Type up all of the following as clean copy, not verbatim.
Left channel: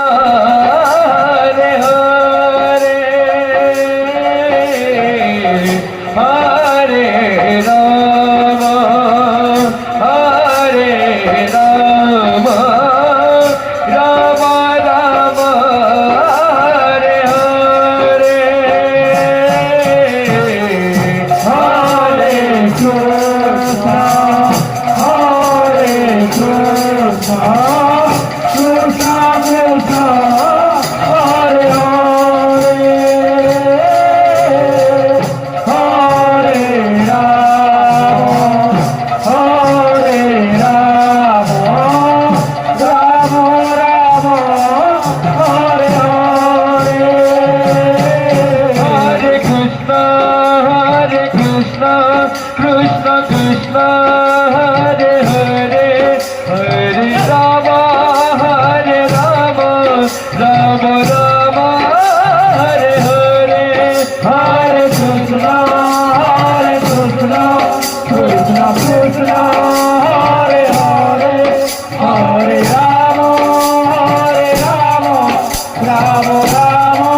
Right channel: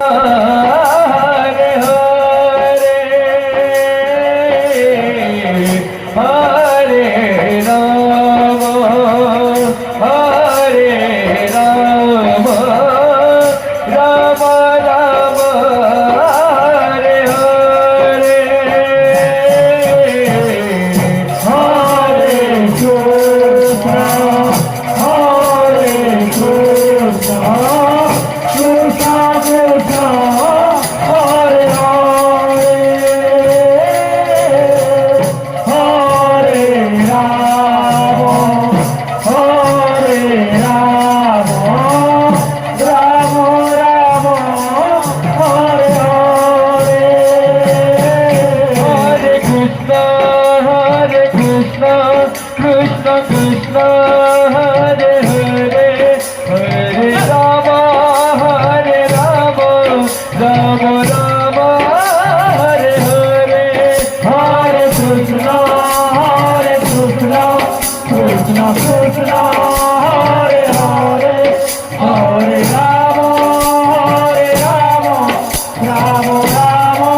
Hare Hare Hare Ram Hare Ram Ram Ram Hare Hare Hare Krishna Hare Krishna Krishna Krishna Hare Hare Hare Rama Hare Rama Rama Rama Hare Hare Hare Krishna Krishna Krishna Hare Hare Hare Rama Rama Rama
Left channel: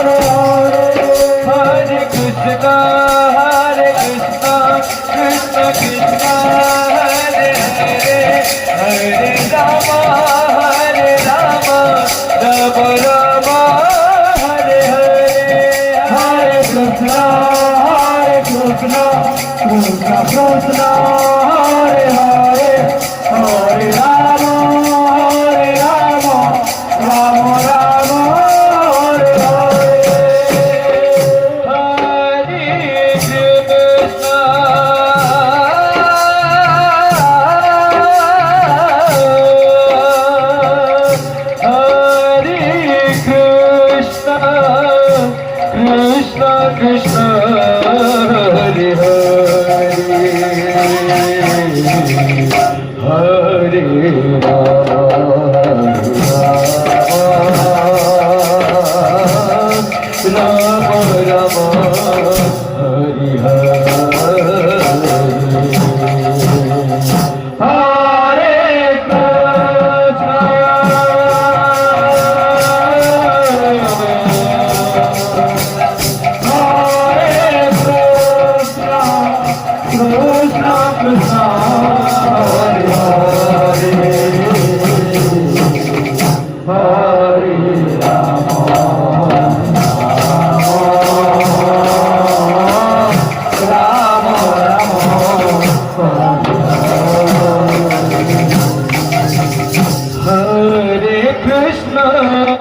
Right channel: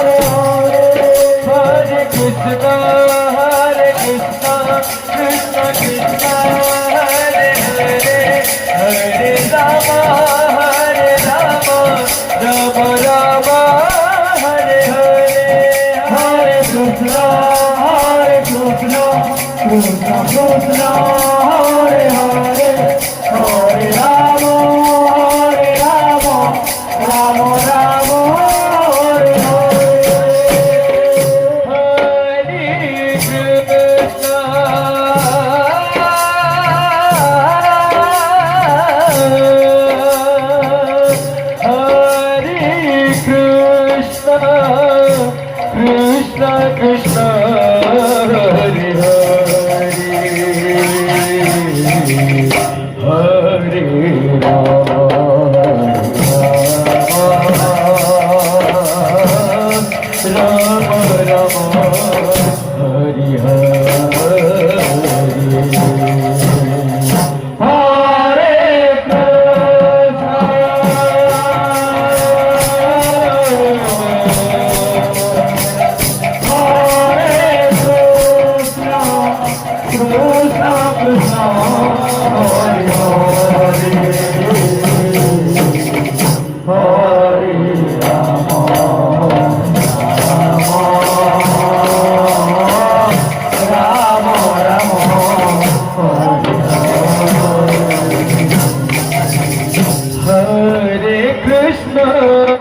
Hare Hare Hare Krishna Krishna Krishna Hare Hare Hare Rama Rama Rama Hare Hare Hare Krishna Krishna Krishna Hare Hare Hare Rama Rama Rama Hare Hare Krishna Krishna Hare Hare Rama Rama Hare Hare Krishna